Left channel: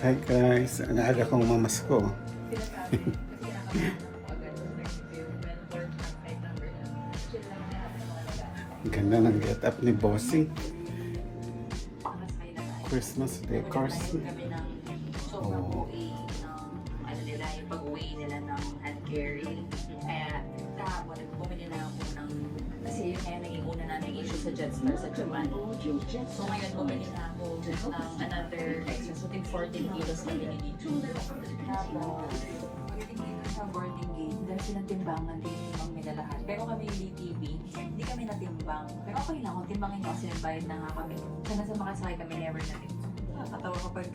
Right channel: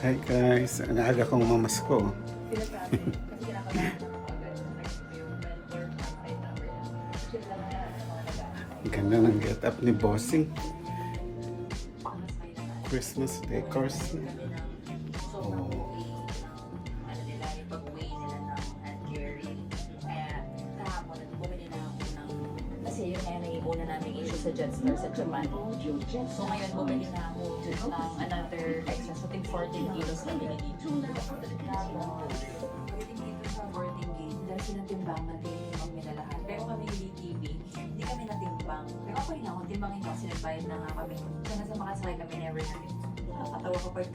Hi guys, ang aga kong mamasko. Ganda ng get up ni Bossing. Christmas decors. Oh. Ano nila yung pag-uwi nila ng hand carry. Kaya kahapon bumili na ako ng kasi yun kaya naging una namin issue sa Jetstar sa Japan. So ngayon bumili na ako ng another extra. So think 14 kilos na binigay. Tapos 14 gate, dahil silang timbangan din yung minalahat. Pero kami TV, hindi kami natimbang. Pero okay lang, kung timbangin kasi nagbayad na nga kami. Kaya nasa makasakay kami never na rin. Nakakatawa kapag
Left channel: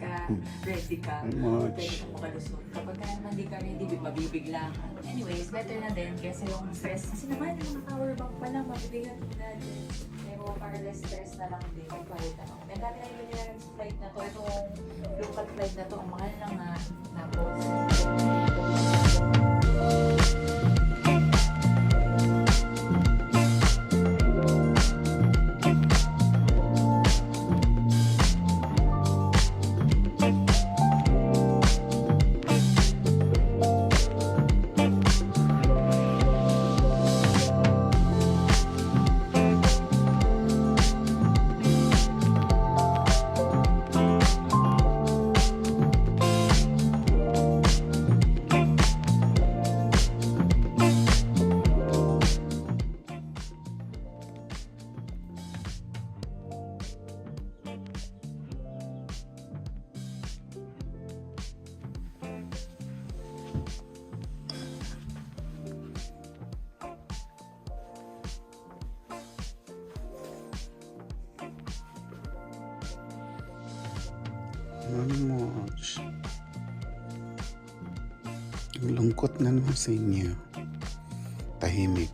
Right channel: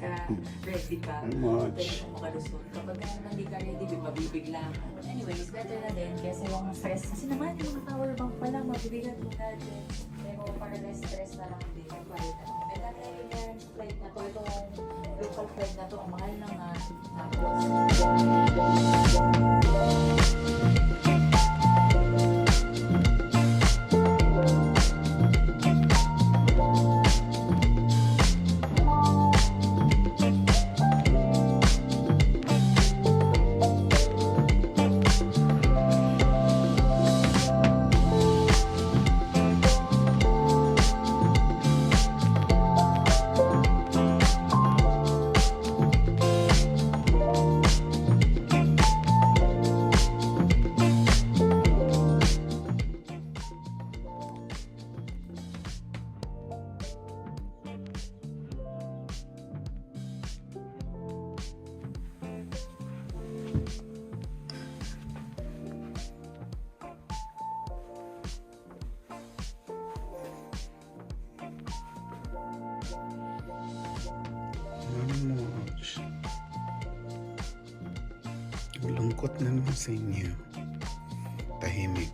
ready ka. How much? Pwede kang makalusot. Kapag ka naman hindi ka ready, mabibigla. Anyways, better na din kaysa yung stress. Kasi naman yung power bank pa lang, mabibigat mo na din. Pero para less stress na lang din. Pagpalit na lang. Nagkakaya yun yung flight na to. Itong local flight na to, ang mahal lang na. How much? Ang lungkot na naman sa inyo. Tahimik.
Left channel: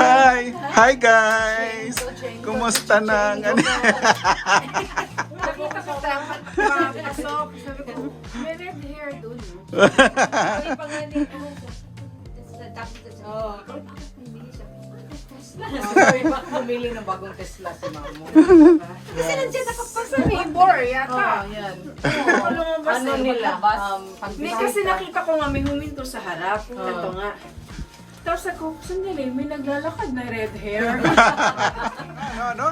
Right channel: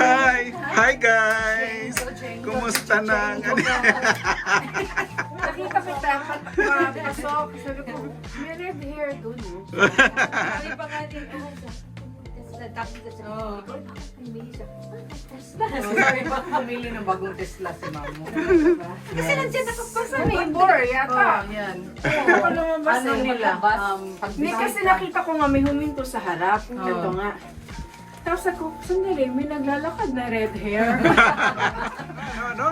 Hi! Hi guys! Kumusta na? Sabi ko dapat mapasok. Sabi ko, may red hair doon. Sabi pa nga din, Bumili ng bagong Tesla si Mamo. kasi nandiyan ako pa sa neighbor yata. Yan. Ano nila? Hindi Kasi nakita ko nga may huminto sa harap. Ito nga. Tapos ako, sandali, may naglalakad na red hair. Ano,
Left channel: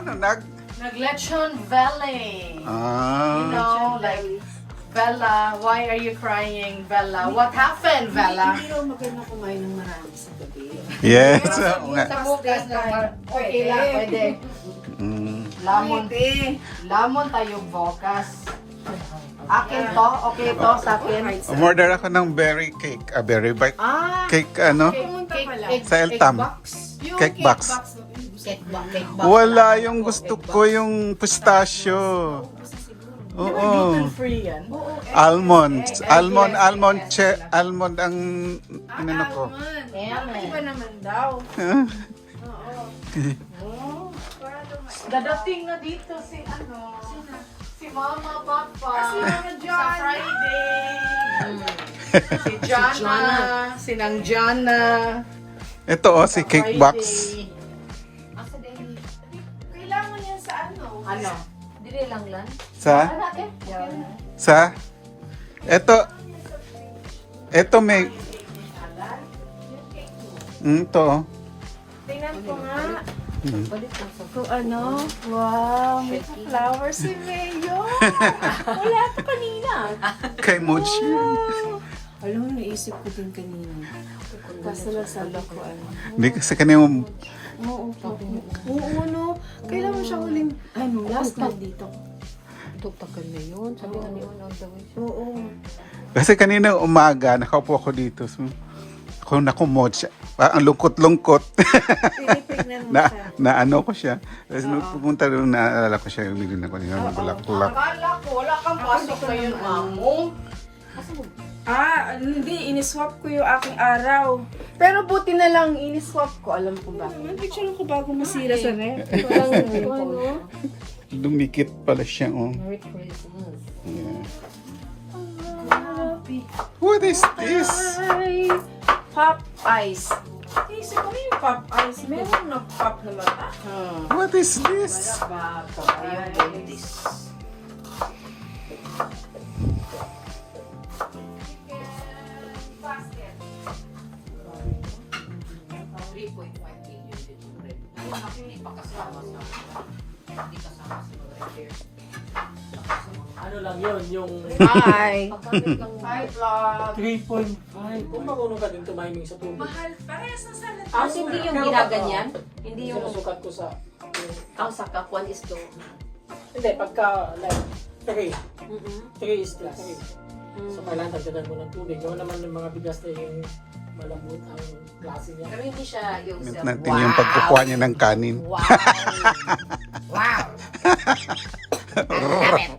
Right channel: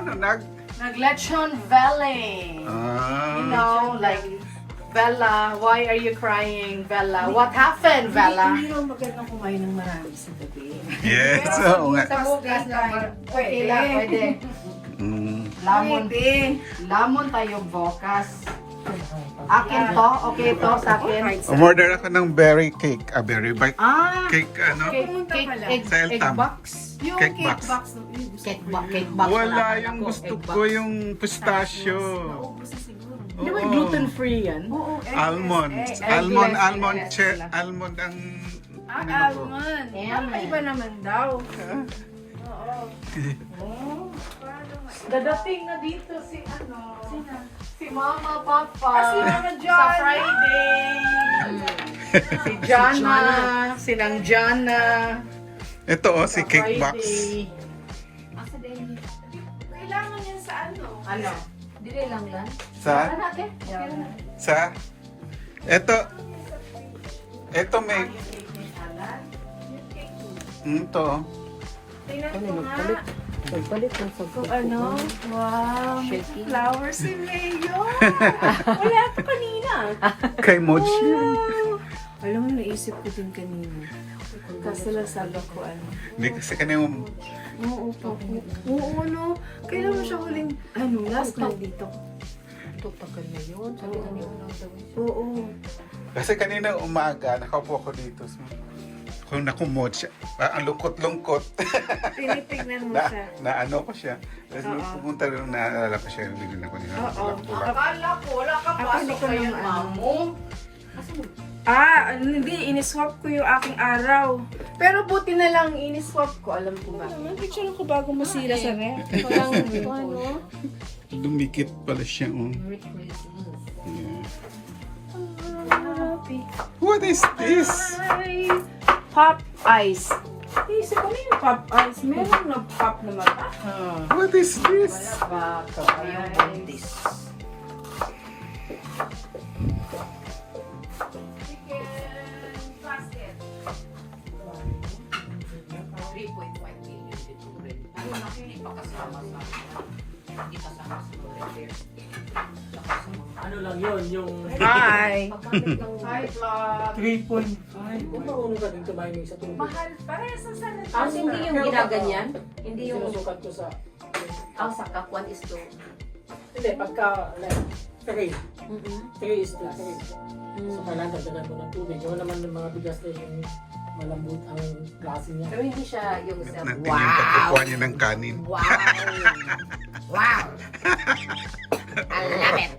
Nag-Lechon Valley. You Ah, know, like, Bella, why are you crying, Bella? What happened, Bella? Hindi raw magandang kumain ng marami sa gabi. yes, oo nga. Sa bukas na pwede lang, pwede. Mm. Lamon tayo bukas. Akin to, okay to sa akin. Umorder ako ng berry cake. Berry bite cake, ano? Sa Eltam. Yung Cake box. Cake box. Wala, yung gusto ko yung pistachio. Di ba Oo. gluten-free yan? Almond. Almond ang ano ko. Almond. Ayan, Parang iba naman daw. Dadating na dito si si Mama Papa. Kasi mga Sa John. Friday. Si Jana. Sinang Jana. Ito si cake box. Kailangan Ano? Dili lang lang. Sa? Ate? Sa? Ito may... Ito. oh. Tingnan ko nga. Balik mo sa Kung ano? Wow, may Shaky. flowers si Mayo. Wala pa kanina. Kay Mochi. Wow. Alam mo, naisip ko din kanina. Kaso nagsabi ko ano. Hindi kasi kanina Oo, oo, no. Kailan mo siya huling, last nandito. tutakal na yun. Sabi kami yung nagsabi. Oo. Kasi kanina umaga, nakaupo ako dito. So, ako nakumot siya. Ang lungkot-lungkot. Tinitignan mo siya. na ano ko siya. Tapos nung pumunta doon, naalala ko siya yung bilhin ako niya. Bulak-bulak. Akala ko, wala kang Ako, baso hindi ko ngayon, naman. mamo. Hindi, iniswap ko yung aking araw. Pero buti na lang iniswap ko, alam ko ba? Picture ko bago masira sa ref. Ano? Dumikit pala siya. Oh. Merry Christmas. Yeah. What is this? Ay, pop ice. Isip ko na yung pop ice. Meron na pop na mata. What is this? Bata, yung buntis. Ano lang yun, yung Hi. Hi, vlog. 3.5. Kung marunong ka din tumiming sa tubig. Mahal. Parehas na sana. Ang hindi yung ginaganyan. Hindi yung Sinusukat ko sa... ang sakap 1 is to. Hindi, pagka like 3. 3 is to 3. So kailangan dagdagan mo ng tubig. Yung naman yung mga bigas na yung malambot ang klase niya. Pero hindi siya yung sa... Natin yung pagkukuha niya ng kanin. Wow! Wow! I love it!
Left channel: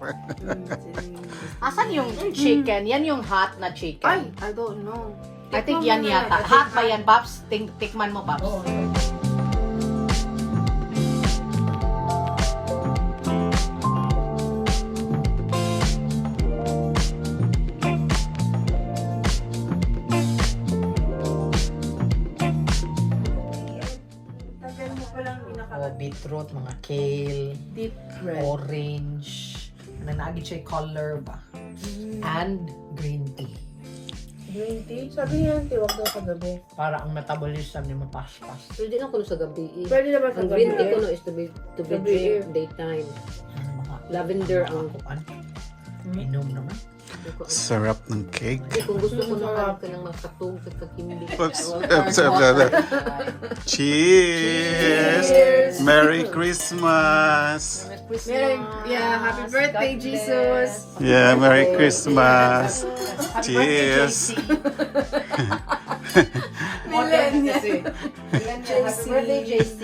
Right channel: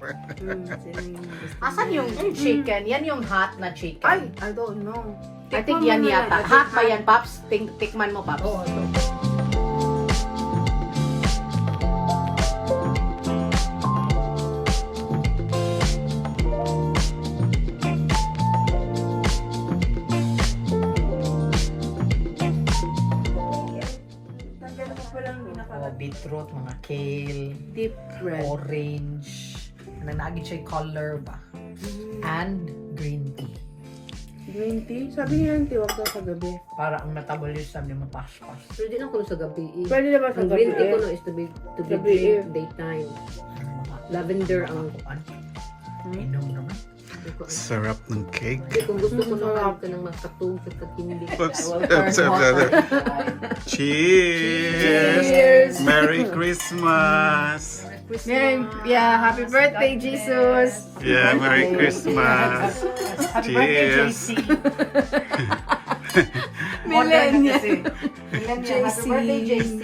Asan yung chicken? Yan yung hot na chicken. Ay, I don't know. I think yan yata. Hot ba yan, Paps? Tikman mo, Paps. Oo. Beetroot, mga kale, Deep red. orange, na naagit siya yung color ba? And green tea. Green tea? Sabi niya yung tiwag ko kagabi. Para ang metabolism niya mapaspas. Pwede na kuno sa gabi. Pwede naman Ang green tea kagabi. kuno is to be Gabi, drink daytime. Lavender ang Inom naman. Sarap ng cake. Kasi kung gusto ko na ka ng makatog sa tagkindi. Sarap. Cheers! Merry Christmas! Yeah, happy birthday, Jesus! Yeah, Merry Christmas! Cheers! Modern na kasi. Yan siya. Happy birthday, JC.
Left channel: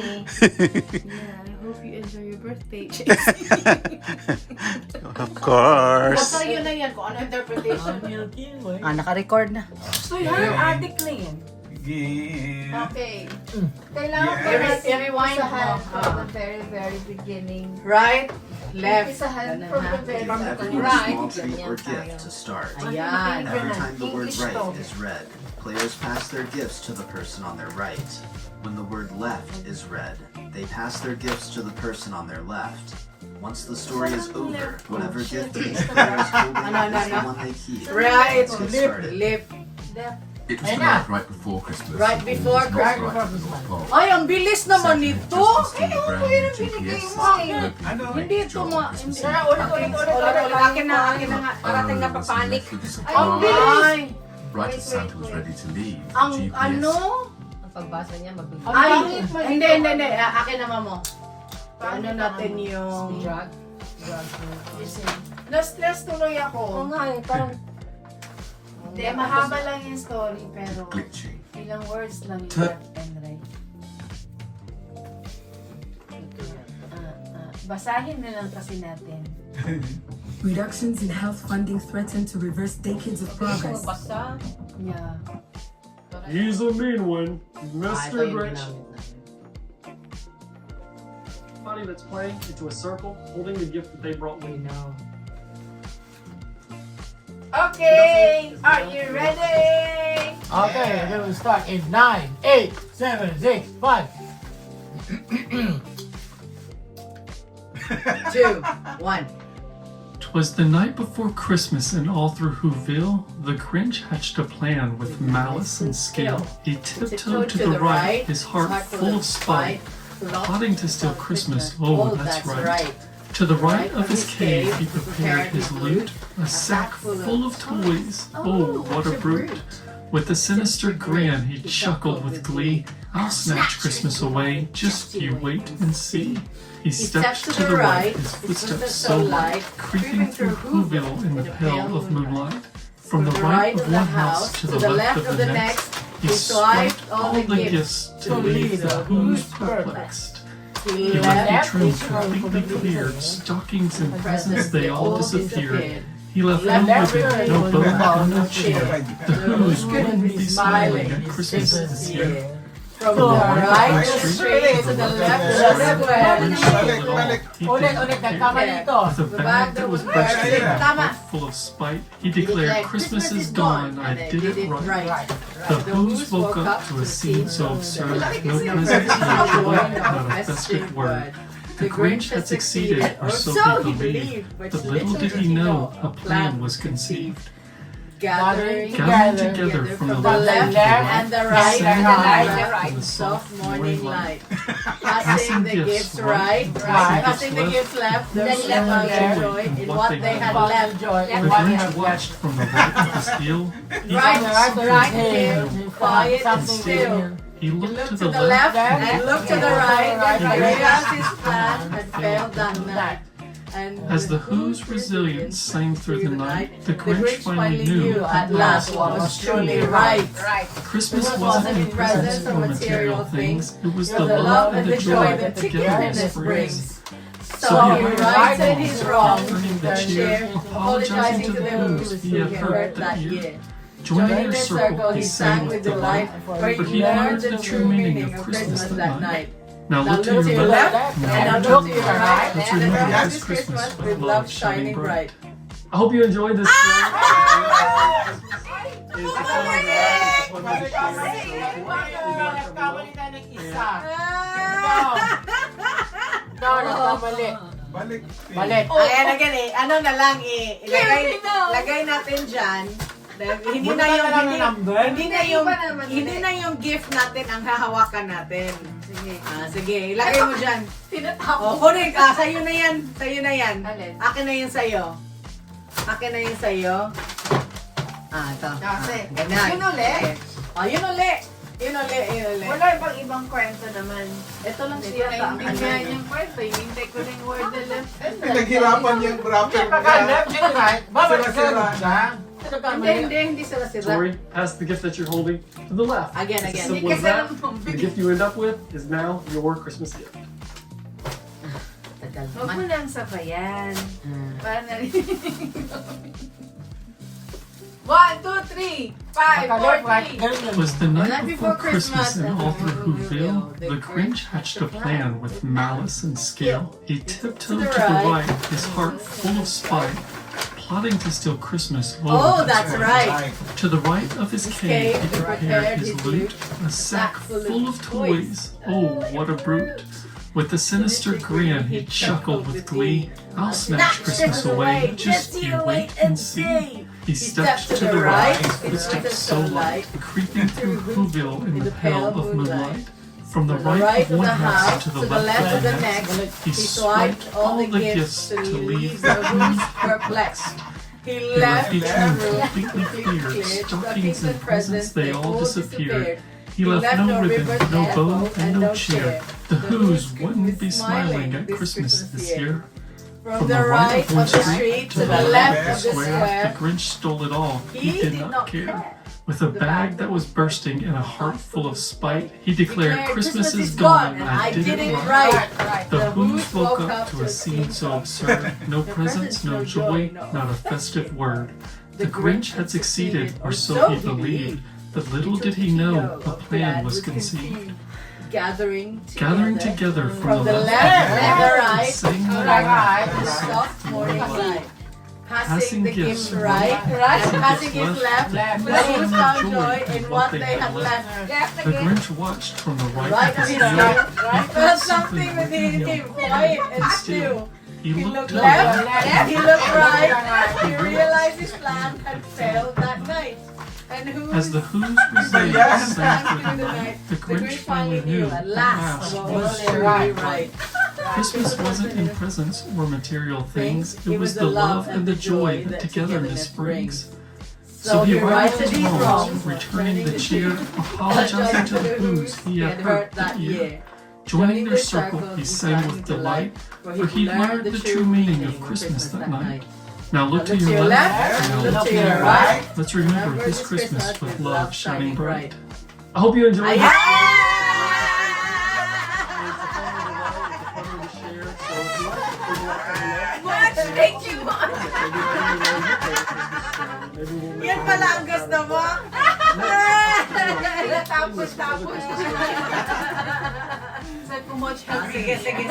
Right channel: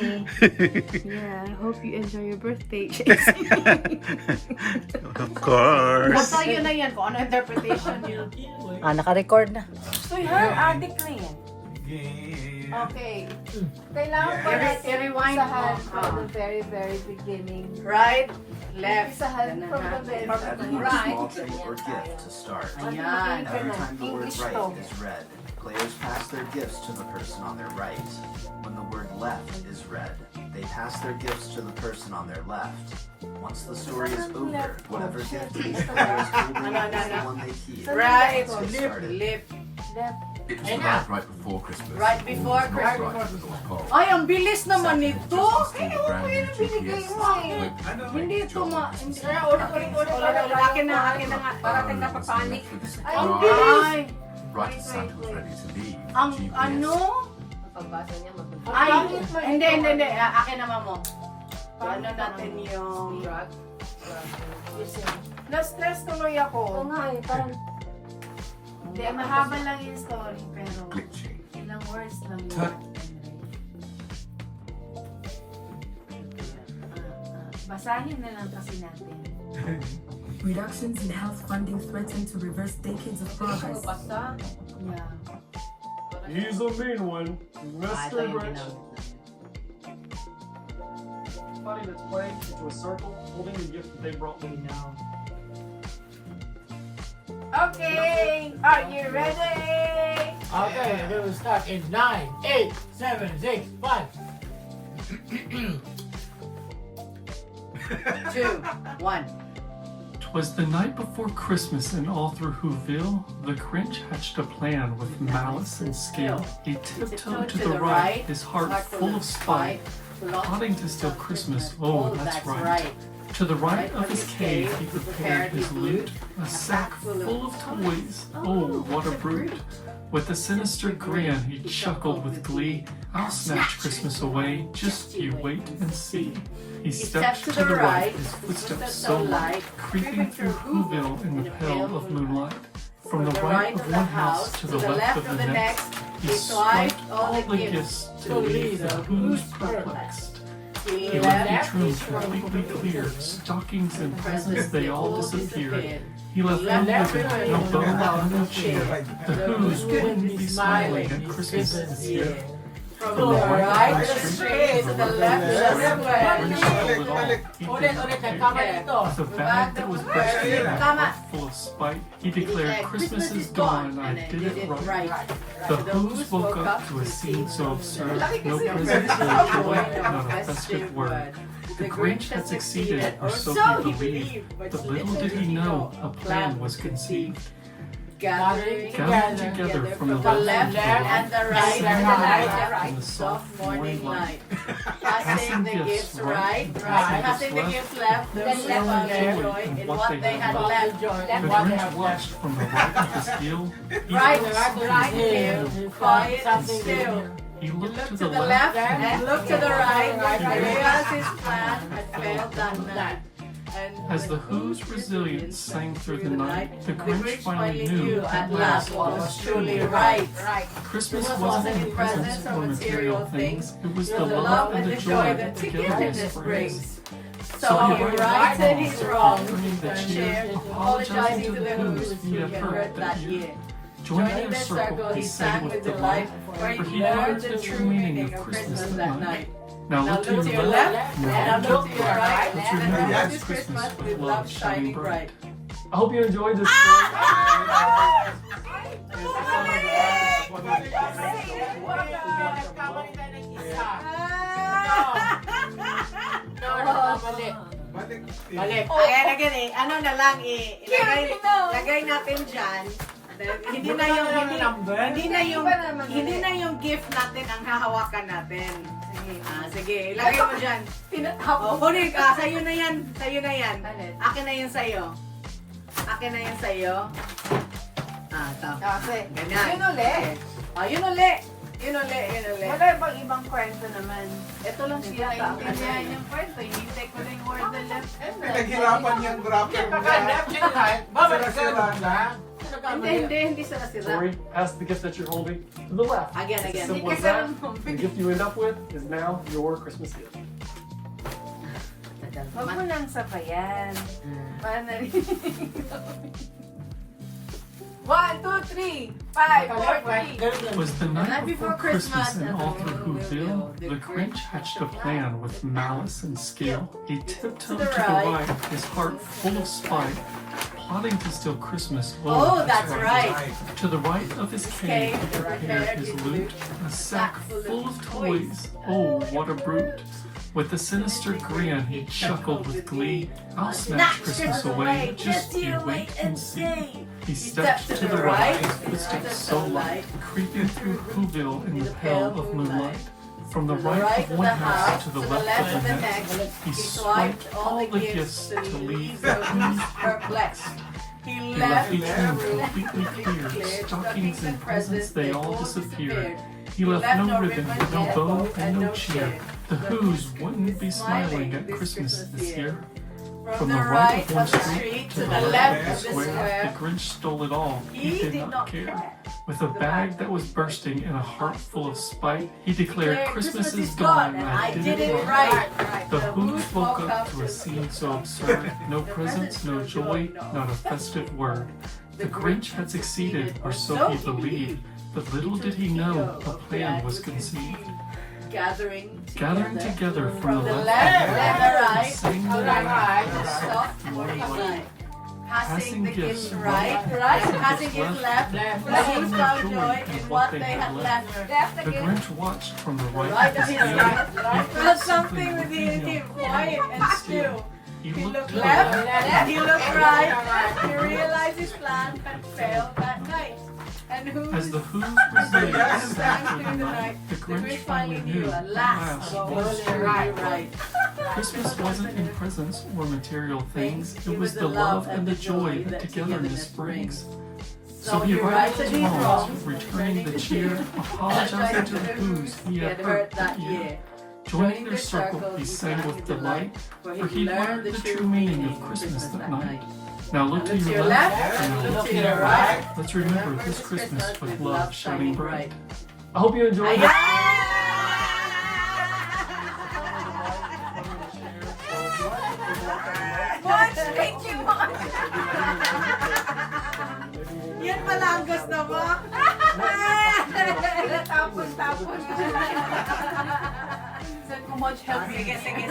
Yeah, I hope you enjoy your birthday, Of course! Basta yun na yan. Kung ano interpretation yun. Naka-record na. So, addict na yan. Okay. Kailangan pa I- natin I-rewind mo. isahan from the very, very beginning. Right, left. Isahan from the very beginning. Right. Small treat or gift to start. Ayan. Every time the word English right to. is read, players pass their gifts to the person on their right. When the word left is read, they pass their gifts to the person on their left. Once the story is over, whatever gift each player's holding is the one they keep. Right, Let's get left, started. left. It was Ayan the na. night right before Christmas. Right before It's not Christmas. right before. Ay, ang bilis naman Second, nito. just to Ay, steal ako brand yun new ang binigay GPS mo. system. Hindi ito ma... Sara, ulit. Akin na nga. Parating na papanik. Ang bilis. Ay, Right as Santa was ready to leave, Ang GPS ano? Ang pagbasa niya mabilis. Ay, hindi. Akin naman mo. Ano natin yung... Drug. Na-stress tuloy Oo ako. nga eh, parang Hindi, mahaba lang yung story, pero glitching. ilang words lang yung left and right. Basahin na lang kasi natin. Reductions in health funding threaten to reverse decades of progress. basta. Yeah. He's a mean one, Ito Mr. yung Rich. ginagawa. Everybody that's playing into a circle, holding the gift that they brought me. Okay! Are you ready? Okay, we will start in 9, 8, 7, 6, 5. 2, 1. 'Twas the night before Christmas, and all through Whoville, the Grinch hatched a plan with malice and skill. He tiptoed to the right, his heart full of spite, plotting to steal Christmas. Oh, that's right. To the right of his cave, he prepared his loot, a sack full of toys. Oh, what a brute! With a sinister grin, he chuckled with glee. I'll snatch Christmas away, just you wait and see. He stepped to the right, his footsteps so light, creeping through Whoville in the pale of moonlight. From the right of one house to the left of the next, he swiped all the gifts to leave the Who's perplexed. He left the tree completely cleared, stockings and presents they all disappeared. He left no ribbon, no bow, and no cheer. The Who's wouldn't be smiling at Christmas this year. From the right of the street to the left of the square. With a bag that was bursting and a heart full of spite, he declared, Christmas is gone, I did it right. The Who's woke up to a scene so absurd, no presents, no joy, not a festive word. The Grinch had succeeded, or so he believed, but little did he know a plan was conceived. Gathering together from the left and the right, in the soft morning light. Passing the gifts right, passing the gifts left, then left out their joy in what they had left. The Grinch watched from the right of his heel. Right here, quiet and still. He looked to the The left, left and looked to the right, and realized his plan had failed that night. And as the Who's resilience sang through the night, the Grinch finally knew at last what was truly right. Christmas wasn't in presents or material things, it was the love and the joy that togetherness brings. So he righted his wrongs, offering the cheer, apologizing to the Who's he had hurt that year. Joining their circle, he sang with delight, for he learned the true meaning of Christmas that night. Now look to your left, and now look to your right, and and remember remember this this Christmas Christmas with love shining bright. I hope you enjoyed this. Balik. Kaya na gani, ano na lang lagay natin dyan. Hindi na yung gift natin ang hahawakan natin. Sige, ilagay mo dyan. Kunin, sa'yo na yan. Akin na yun sa'yo. Ito. Ganyan. Yun ulit. Yun ulit. Wala bang ibang kwento naman? Ito lang siya. Hindi nga yung kwento. Hindi ko na yung word na left. Naghirapan yung rapper Hindi sila sila. Sorry, pass the gift that you're holding to the left. Again. Simple as that. The gift you end up with is now your Christmas gift. Huwag mo nang sabayan. Para na rin. 1, 2, 3, 5, 4, 3. It was the night night before before Christmas, Christmas, and and all through Whoville, the the Grinch hatched a plan with malice and skill. He tiptoed to the right, his heart full of spite, plotting to steal Christmas. Oh, that's right. To the right of his cave, he prepared his loot, a sack full of toys. Oh, what a brute! With a sinister grin, he chuckled with glee. I'll snatch Christmas away, just you wait and see. He stepped to the right, his footsteps so light, creeping through Whoville in the pale of moonlight. From the right of one house to the left of the next, he swiped all the gifts to leave the Who's perplexed. He left each the room room completely cleared, cleared, stockings and presents they all disappeared. He He left no ribbon, no bow, and no cheer. The Who's wouldn't be smiling at Christmas this year. From the right of the street to the left of the The square, Grinch stole it all. He did not care. With a bag that was bursting and a heart full of spite, he declared, Christmas is gone, and I did it right. The Who's woke up to a scene so absurd. No presents, no joy, not a festive word. The Grinch had succeeded, or so he believed. But little did he know a plan was conceived. gathering together from the left and the right, sang the soft morning light. passing the gifts gift right, and passing gifts it left, left, but he and found joy joy in in what what they they had had left. The Grinch watched from the right Right of of his his ear. right. That's something with within him. him. Quiet and But still. still, he He looked looked left, left, he looked right, he realized his plan had failed that night. And as the Who's was Yes. sang in the through, night, the Grinch finally knew at last what what was was right. Christmas wasn't in presents or material things, it was the love and the joy that togetherness brings. So he arrived at home, returning the cheer, apologizing to the Who's he had hurt that year. Joining their circle, he sang with delight, for he learned the true meaning of Christmas that night. Now look to your left, and look to your right. Let's remember this Christmas with love shining bright. I hope you enjoyed it. Thank you, Mom. Yan pala ang gusto mo? Tapos.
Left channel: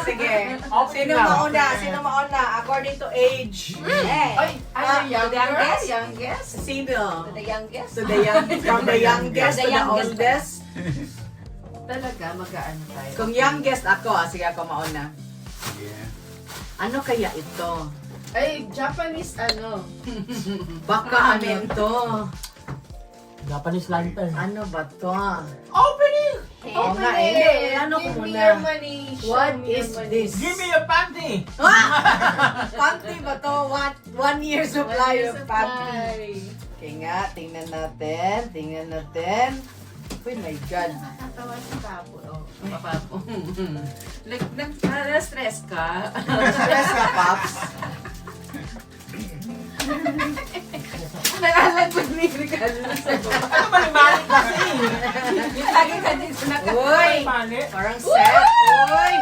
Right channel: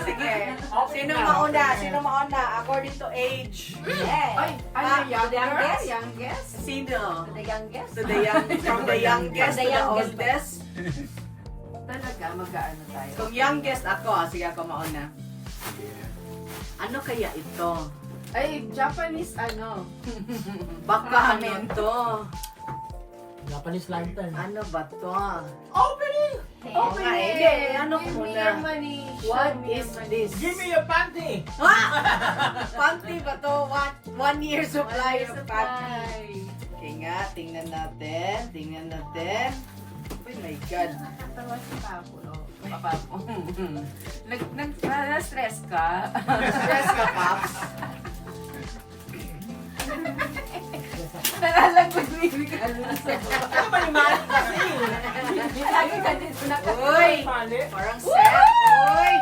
Sige. Sino mauna? According to age. Ay, ano, youngest? Sino? The youngest? From the youngest to the oldest. Talaga, mag-ano tayo. Kung youngest ako, sige ako mauna. Ano kaya ito? Ay, Japanese ano? Baka ano to? Japanese lantern. Ano ba to? Opening! Oo nga eh. Ano Give me muna? your money. What Show me is your money. this? Give me your panty! Panty ba to? One year supply of panty. Ay. Okay nga, tingnan natin. Oh my God. Natawa si Papo. Papapo. Na-stress ka? Stress ka, Paps. Nakalag mo ni Ricardo sa baba. Ano ba ni Malik kasi? Lagi ka din sa Uy! Malik? Parang set. Uy!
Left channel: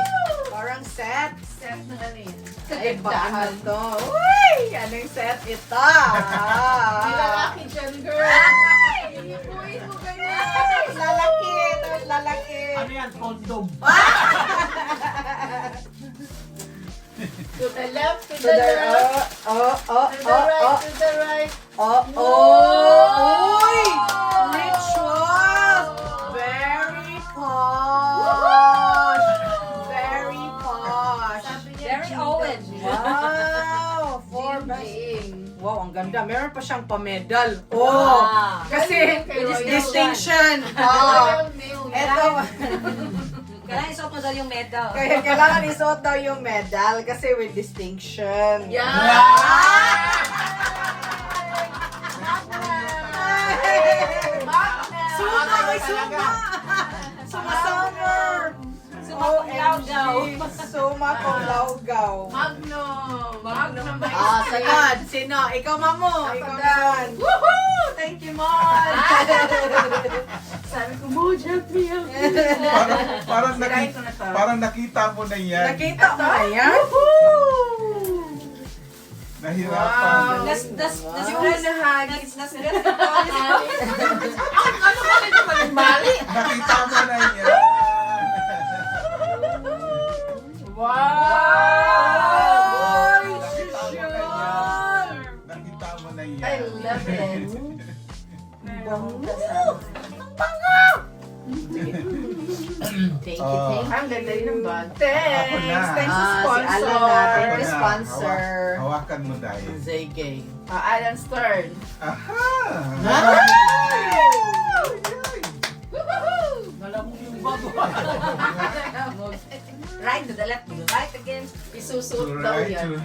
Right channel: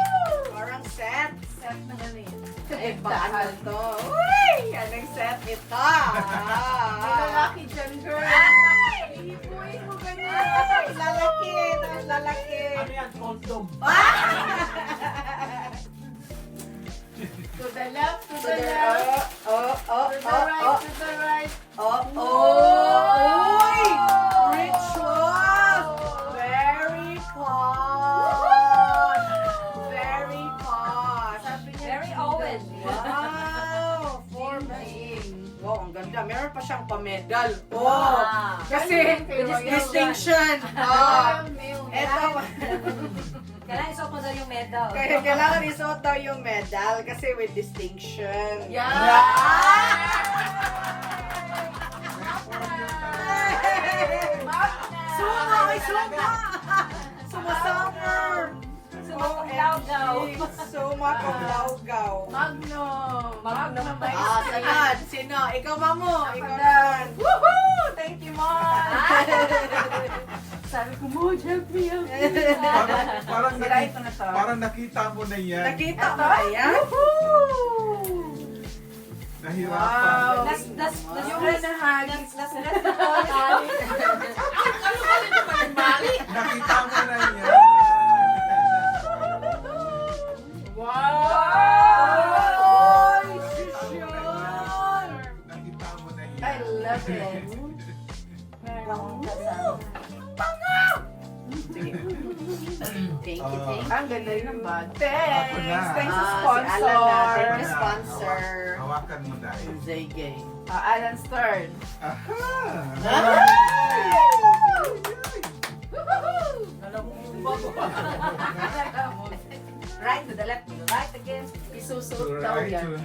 Parang set. set na rin. Ay, paano to? Uy! Anong set ito? May lalaki dyan, girl. Uy, mo ganyan. Lalaki. Tapos lalaki. Ano yan? Condom. To the left, to To the the, left. To the right, to the right. Uy! Ritual! Very posh! Very posh! Very Owen. Wow! For wow, ang ganda. Meron pa siyang pa-medal. Oh! Wow. Kasi, Kay Royal distinction. Royal Mail. Ito, Kailangan isuot mo daw yung medal. kaya kailangan isuot daw yung medal kasi with distinction. Suma! May suma! Summer! Suma kong laugaw. Magnum. Sagad. Sino? Ikaw, Mamu. Ikaw naman. Woohoo! Thank you, Mom. Sabi ko, Mo, help me. Parang nakita mo na yan. Nakita mo ba yan? Nahirapan. Yung nahagis. Nakita mo na yan. Wow! Nakita mo na yan. I love it. Thank you. Ang ganda yun ng bag. Ako na. Thanks sa sponsor. Si Alan natin, Ako the na. sponsor. Hawakan mo dahil. Zayge. Alan Stern. Aha! Right to the left, to the right again. Isusuot daw Right. yan.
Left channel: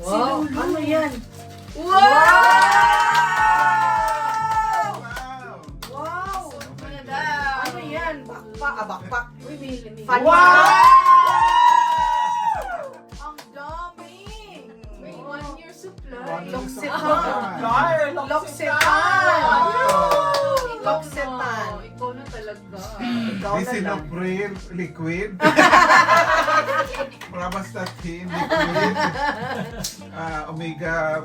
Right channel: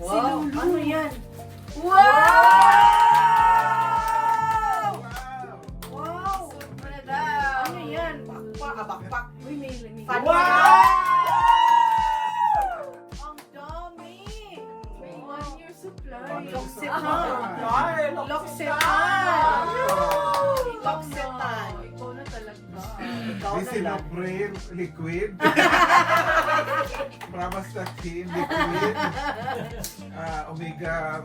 Wow! Ano yan? Wow! Wow! Ano yan? Bakpak. Uy, may Wow! Ang dami! May 1 year supply. Loksitan! Loksitan! Ikaw na talaga. Lisinopril, liquid. Pravastatin, liquid. Omega.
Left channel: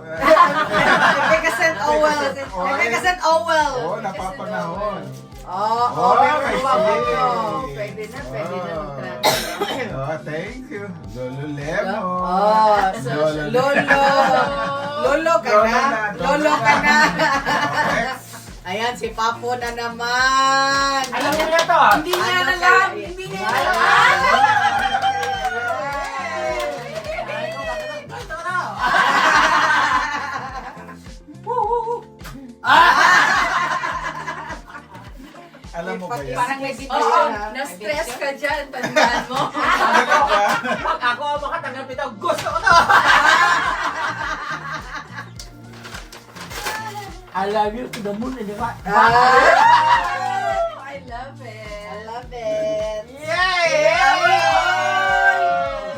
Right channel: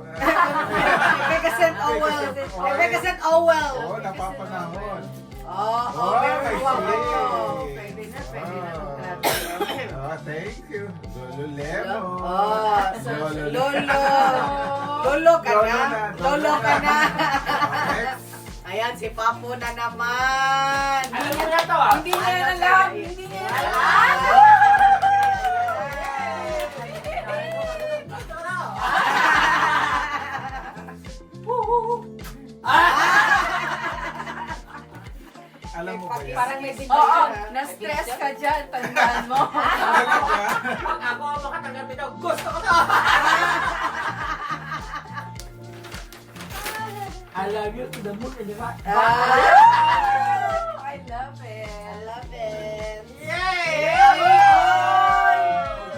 Nagkakasent Owel! Nagkakasent Owel! Oo, napapanahon. Oh, Oh, may wow, wow, sweet. wow. Pwede na Wow. mag-graduate. Oh, thank you. Lolo Lemo. Oh, Lolo ka na. Lolo ka na. Ayan, si Papo na naman. Alam niya na to. Hindi niya alam. Hindi niya alam. Alam mo ba yan? Parang may video Oo, na. na-stress ka dyan. Tandaan mo. Talaga ba? Pag ako ang makatanggap ito, gusto ko to! I love you to the moon and the back. I love it. I love it. Yay!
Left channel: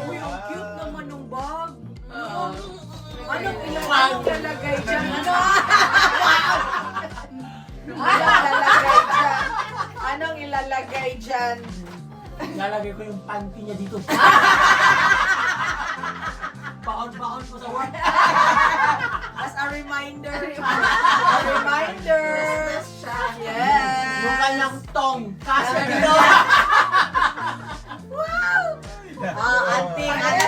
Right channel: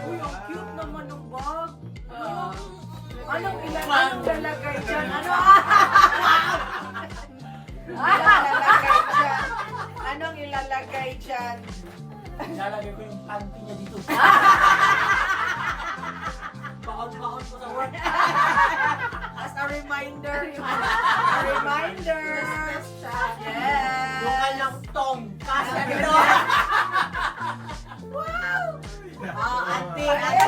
Uy, ang cute naman ng bag. Anong ilalagay dyan? Anong ilalagay dyan? Lalagay ko yung panty niya dito. Baon-baon ko sa work. As a reminder. A reminder. Yes. Mukha lang tong. Kasya dito. Auntie. Kaya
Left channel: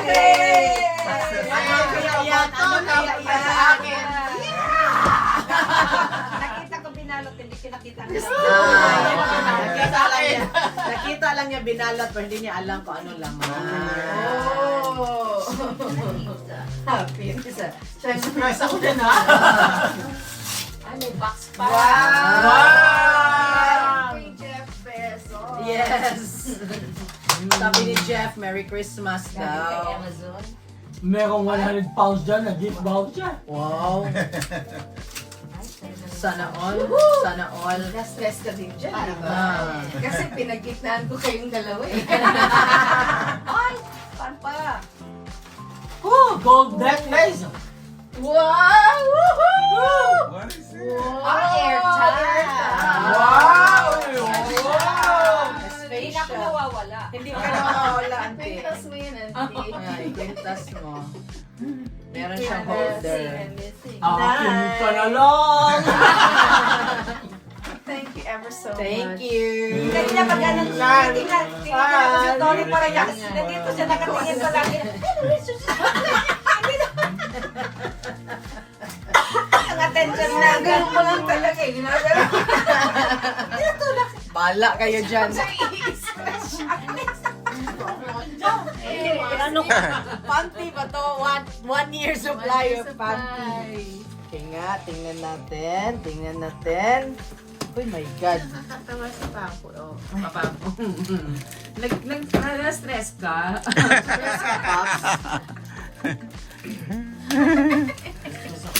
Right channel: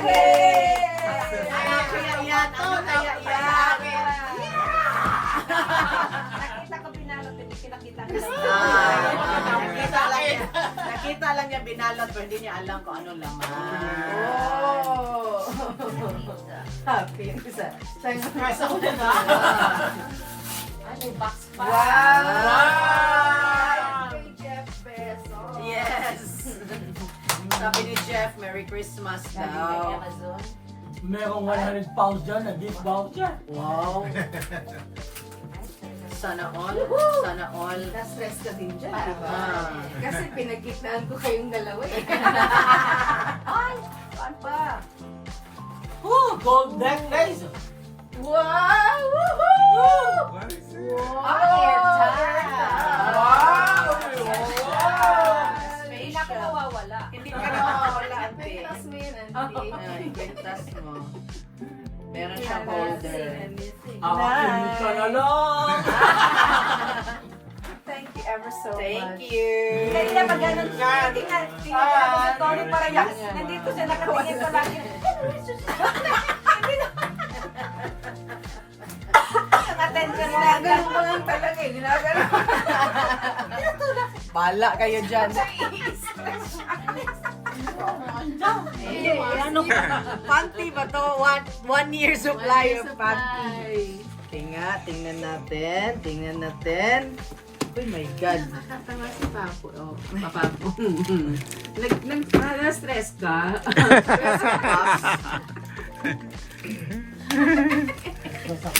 yan. Kaya yan. Nakita ko binalot, hindi kinakita ko. Nakita lang niya binalot pero hindi niya alam kung ano lang. Oh. Happy. Surprise ako din ha. Ano, box pa? Wow! Kay Jeff Bezos. Yes. Sabi ni Jeff, Merry Christmas daw. Amazon. Merong 100 pounds dyan na gift voucher. Wow. Sana all. Sana all. Na-stress ka din dyan, Ah. di ba? Kasi pinagkitnaan ko kayong dalawa eh. Ay, saan pa? Oh, gold necklace. Wow! Woohoo! What is it? Airtime. Wow! Hindi na ako nawawala. Hindi ka nawawala, auntie. Pintas mo yun, auntie. Ay, pintas mo. Meron siyang holder. Akin ka na lang. Thank you ever so much. Thank you. Kanina pag ganun, tingnan ko si Tony para nandito siya nakatingin pa lang. Ang attention na. Ginagano ko lang talaga eh. Ginagano ko. Bala kayo dyan. Ano? Panty ba to? One year supply of panty. Tingnan natin. Tingnan natin. Oh my God. Nakatawa sa papo. Oh, papo. Na-stress ka?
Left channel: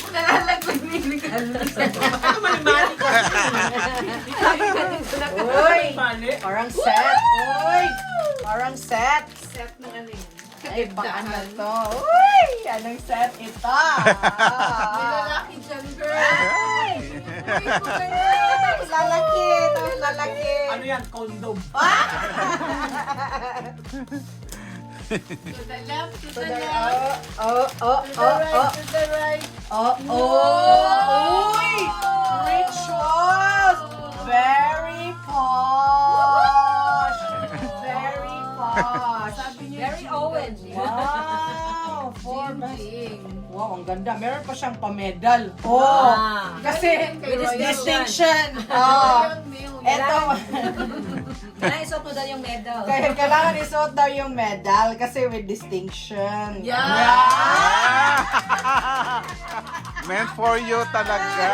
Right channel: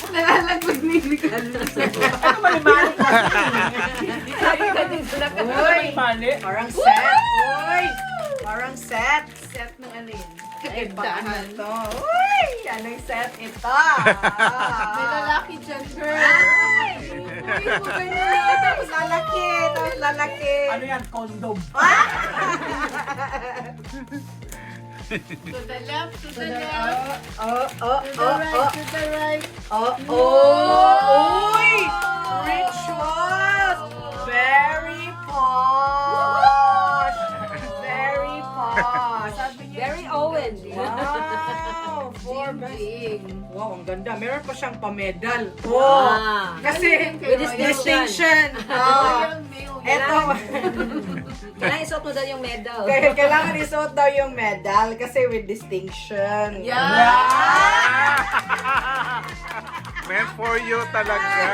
Nalalagod ni Ricardo. Uy, parang set. Uy, parang set. Set ng ano yun? Ay, baka to. Uy, anong set ito? May lalaki dyan, girl. Lalaki. Ito, lalaki. Ano yan? Condom. To the left, to the left. Oh. To the right. Uy! Rituals! Very posh! Very posh! Very Owen. Wow! Big. Wow, ang ganda. Meron pa siyang pa-medal. Oh! Kasi, With distinction. Oh! Eto. Kailangan isuot mo daw yung medal. Kailangan isuot daw yung medal kasi with distinction. Meant for you talaga.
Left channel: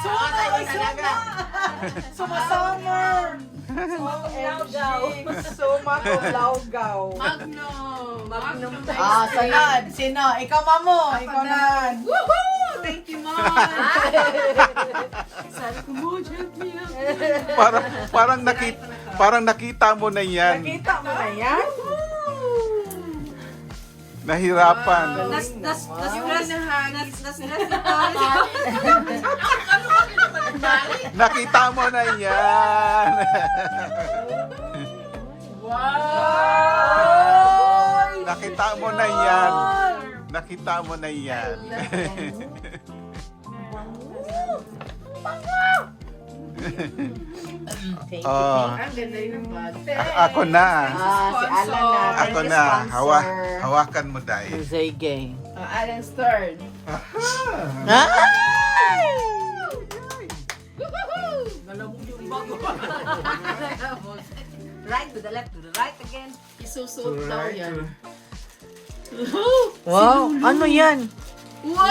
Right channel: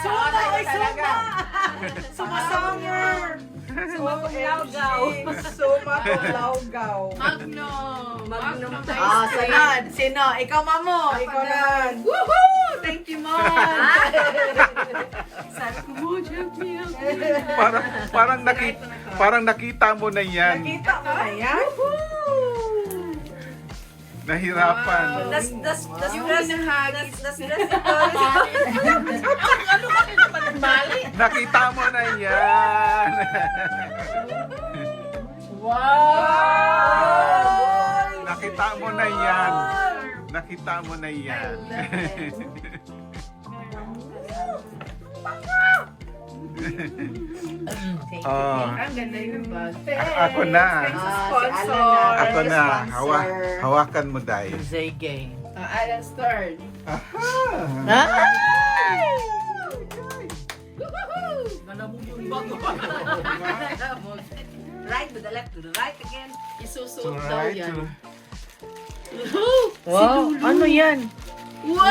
Suot na! Sumasummer! Sumakulawgaw. Magnum. Sunod. Sino? Ikaw, Mamo. Ikaw naman. Woohoo! Thank you, Mom. Parang nakita mo na yan. Nakita mo na yan? Nahirapan. Nakita mo na yan. Wow! Nakita mo na yan. Nakita mo na yan. Thank you. Oh, Ang ganda yung bante. ako na. Sponsor. Ako na. Hawakan mo, Day. Sige. Ayan's turn. Right to the left, to the right again. Isusuot daw yan. Wow, ano yan? Wow!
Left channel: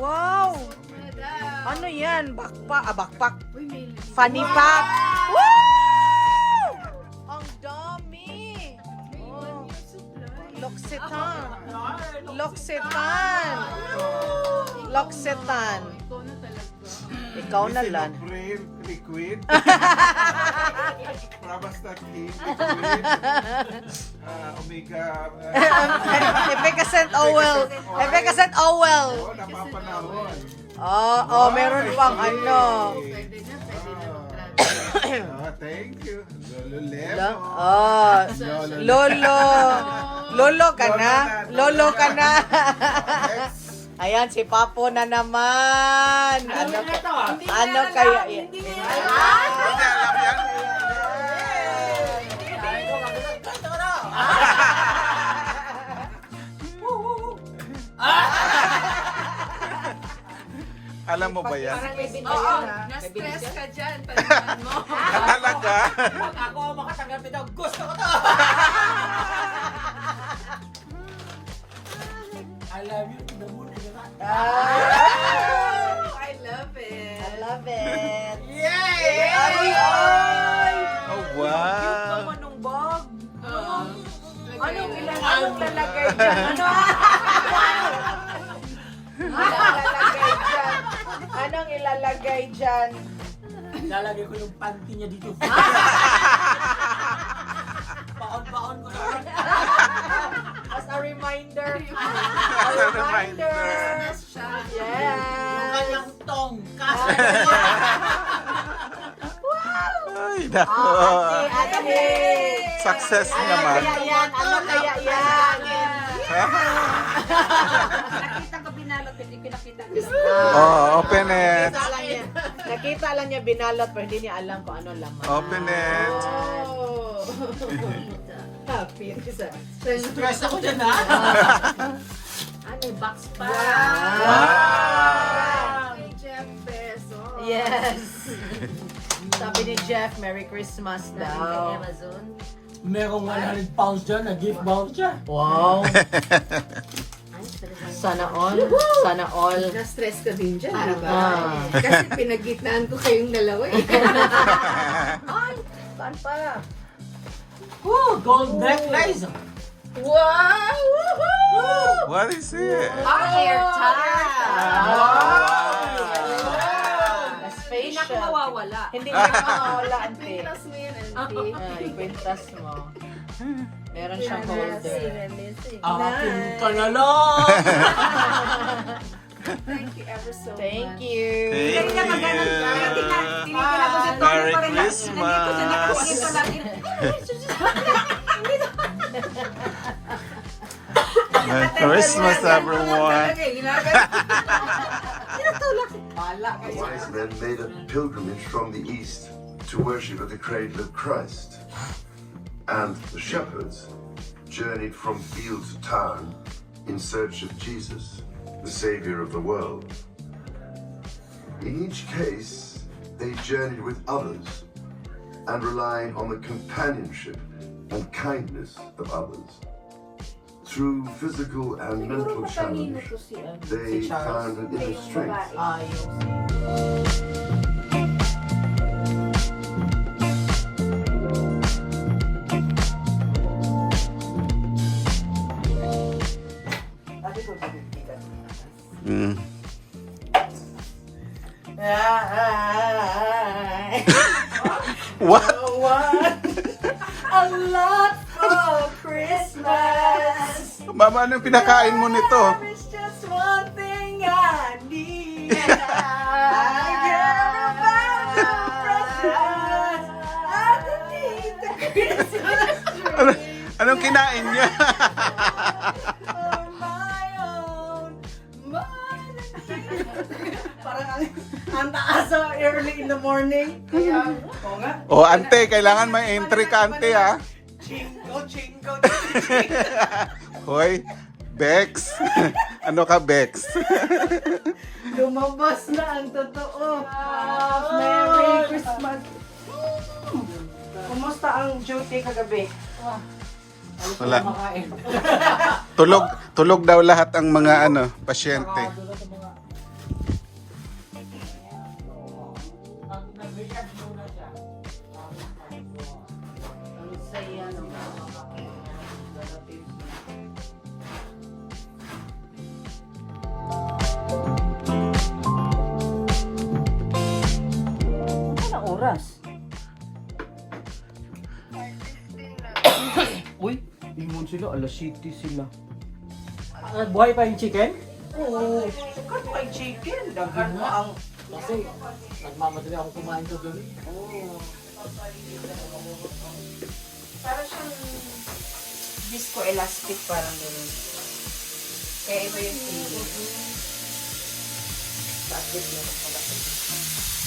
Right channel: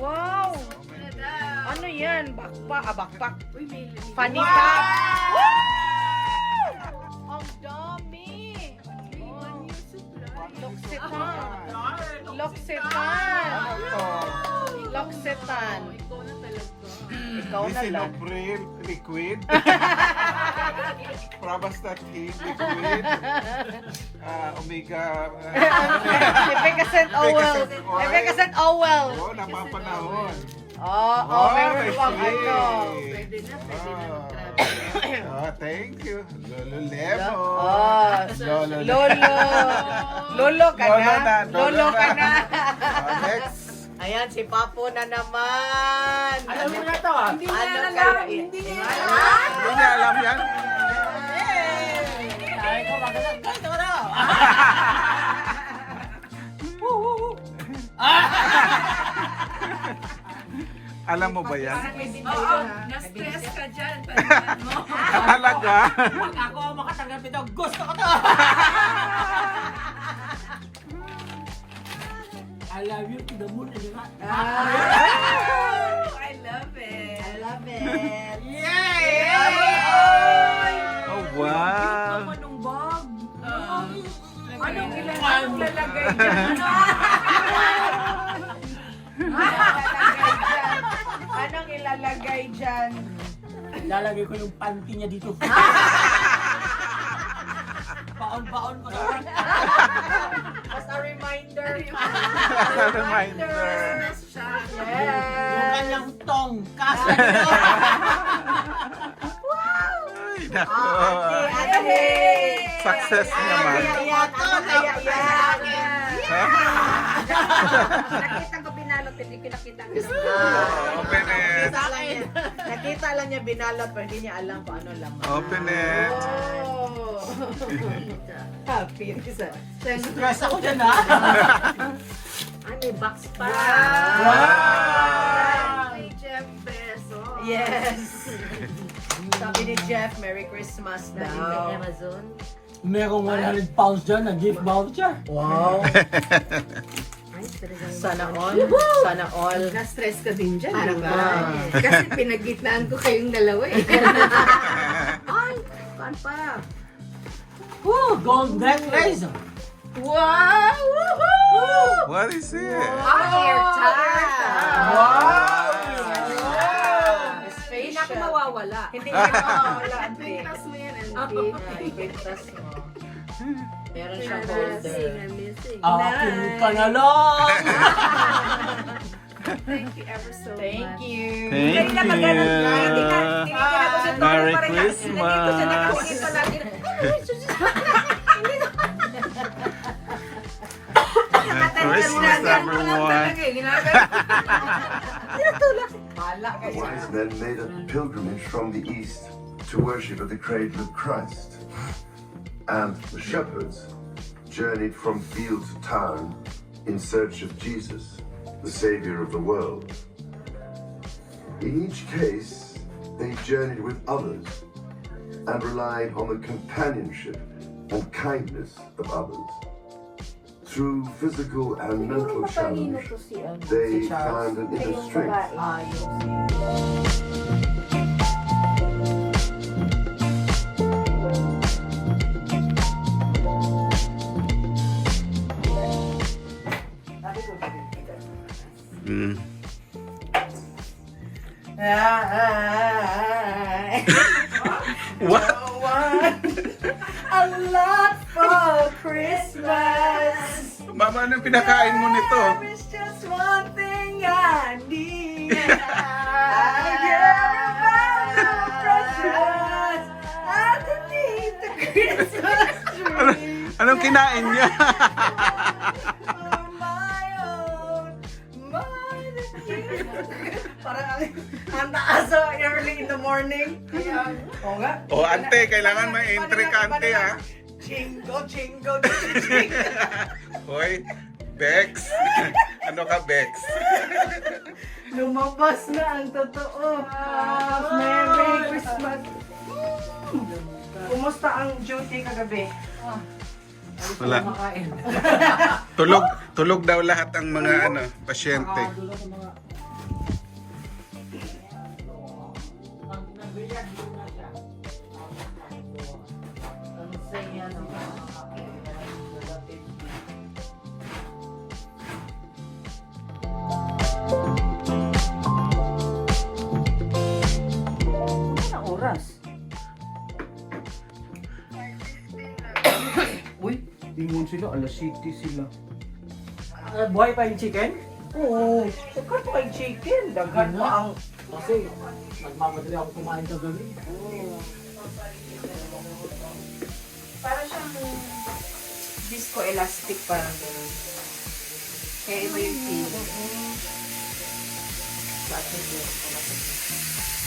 Wow! Ano yan? Backpack. Funny pack. Wow! Ang dami! Oh. Loksetan. Ikaw na lang. Liquid. Probastat liquid. Omega. Efficacent Owel. Oo, napapanahon. Oh, meron pang ano. Thank you. Lolo Lemo. Lolo ka na. Lolo ka na. Ayan, si Papo na naman. Alam mo na to ah. Ano kaya? Hindi niya alam yan. Sabi ko, magalang ganito na. Alam mo ba yan? Oo, na-stress ka dyan. Talaga? Pag ako makatanggap ito, gusto ko to. I love you to the moon and the back. I love it. Oh, wow. Anong lalagay dyan? Anong ilalagay dyan? Lalagay ko yung panty niya dito. Baon-baon ko. As a reminder. As a reminder. Yung kanyang tong. Ay, nako. Success naman. Nakita ko binalot, hindi ko nakita ko lang. Oh, open it. Nakita lang niya binalot pero hindi niya alam kung ano laman. Open it. Happy. Stress ako dyan ha. Ano, box pa. Wow. Jeff Bezos. Yes. Sabi ni Jeff, Merry Christmas Galing kay daw. Amazon. Merong 100 pounds dyan na gift voucher. Wow. Ay, talaga. Sana all. Sana all. Na-stress ka din dyan, Ano diba? ba? Kasi pinagitnaan ko kayong dalawa eh. Ay, saan pa? Woo! Gold necklace! Wow! Woohoo! What is it? Hindi na ako mawawala. Hindi na mawawala. Pintas mo yan, Ay, auntie. pintas mo. Meron siyang holder. Akin ka na lang! Thank you ever so much. Thank you. Thank you. Merry Christmas. Merry Christmas, everyone. Wise men made a pilgrimage from the east to worship at the cradle of Christ. And the shepherds journeyed from field to town in search of Jesus, the Savior of the world. In each case, they journeyed with others and relied on the companionship and kindness of others. Through physical and mental challenge, they found an inner strength. Mm. What? A lot for Christmas. Mama, anong pinakain mo nito? There's just one thing I need. I need the Christmas tree. Anong kinain niya? For my own, mine and you. Parang ang taas early in the morning. Oo nga. O, ante, kailangan may entry ka, ante, ha? Chingo. Hoy, Bex. Ano ka, Bex? Lumabas na ang totoo. Merry Christmas. Kumusta ang duty kagabi? Wala. Tulog daw lahat ang mga pasyente. Anong oras? Uy, ingon sila, alas 7 sila. Buhay pa yung chicken? Oo. Daghan pa yung chicken. Daghan pa ang... Kasi, nagmamadali ako kumain ka gano'n. Para siyang disco elastic parang gano'n. Kaya iba yung feeling.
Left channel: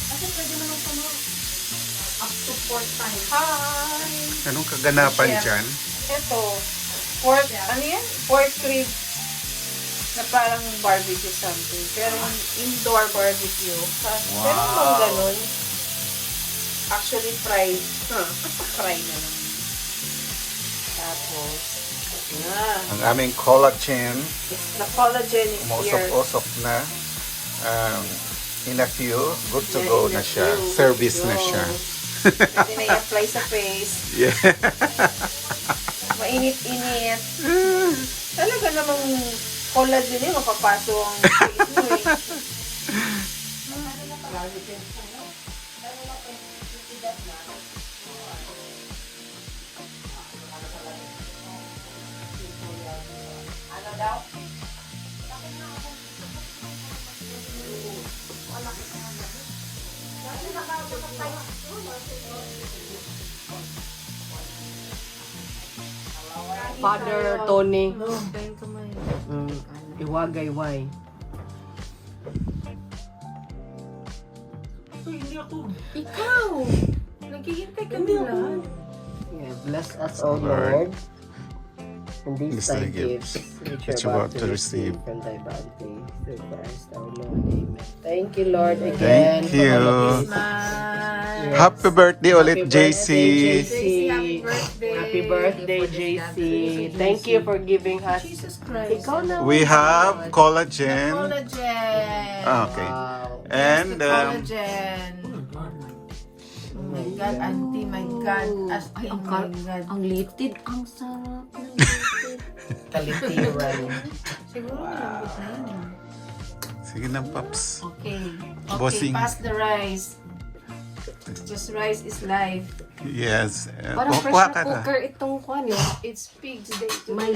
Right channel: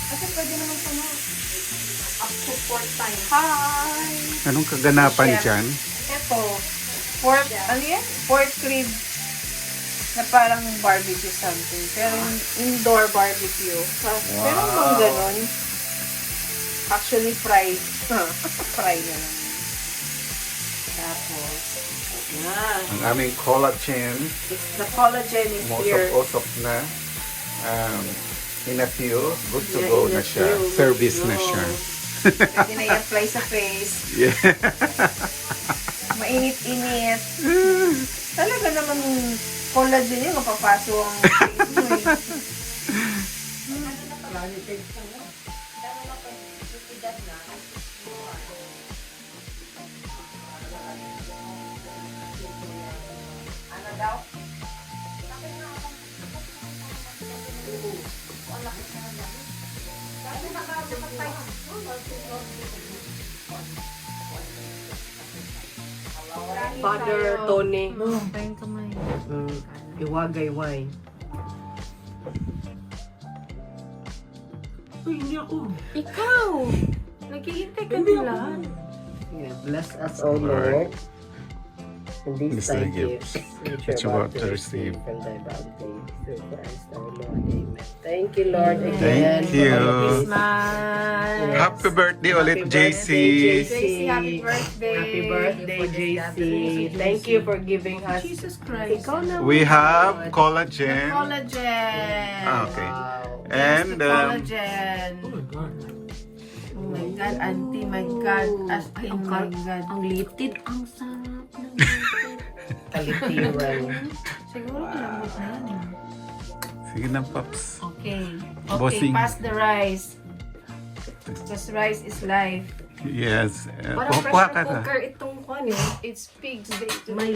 Kasi pwede naman sa mga up to 4 times. Hi! Anong kaganapan dyan? Ito, pork, ano yan? Pork rib na parang barbecue something. Pero indoor barbecue. Pero kung ganun, actually fried. Fry na lang. Tapos, Ang aming collagen. the collagen is here. Usok na. In a few, good to go na siya. Service na siya. Pwede na i-apply sa face. Yeah. Mainit-init. Talaga namang collagen yun, mapapaso ang face mo eh. Father Tony. Iwagay wine. Uy, hindi ako. Ikaw! Naghihintay ka nila. Bless us, O Lord. In these These are the gifts that you're about to receive. from thy body, through Christ our Lord. Amen. Thank you, Lord, again. Thank you. Christmas! Happy birthday ulit, JC. JC, happy birthday! Happy birthday, JC. Thank you for giving us. Jesus Christ! Ikaw na. We have collagen. Collagen! Okay. And Collagen! Oh my God, auntie, my God. As in, my God. Ang litid, ang sarap. Kalitin lang. Siguro malambot na yun. sige na, Paps. Okay. Okay, Bossing. pass the rice. Just rice is life. Yes. Parang Kuha pressure ka na. cooker itong kwan eh. It's pig's day today.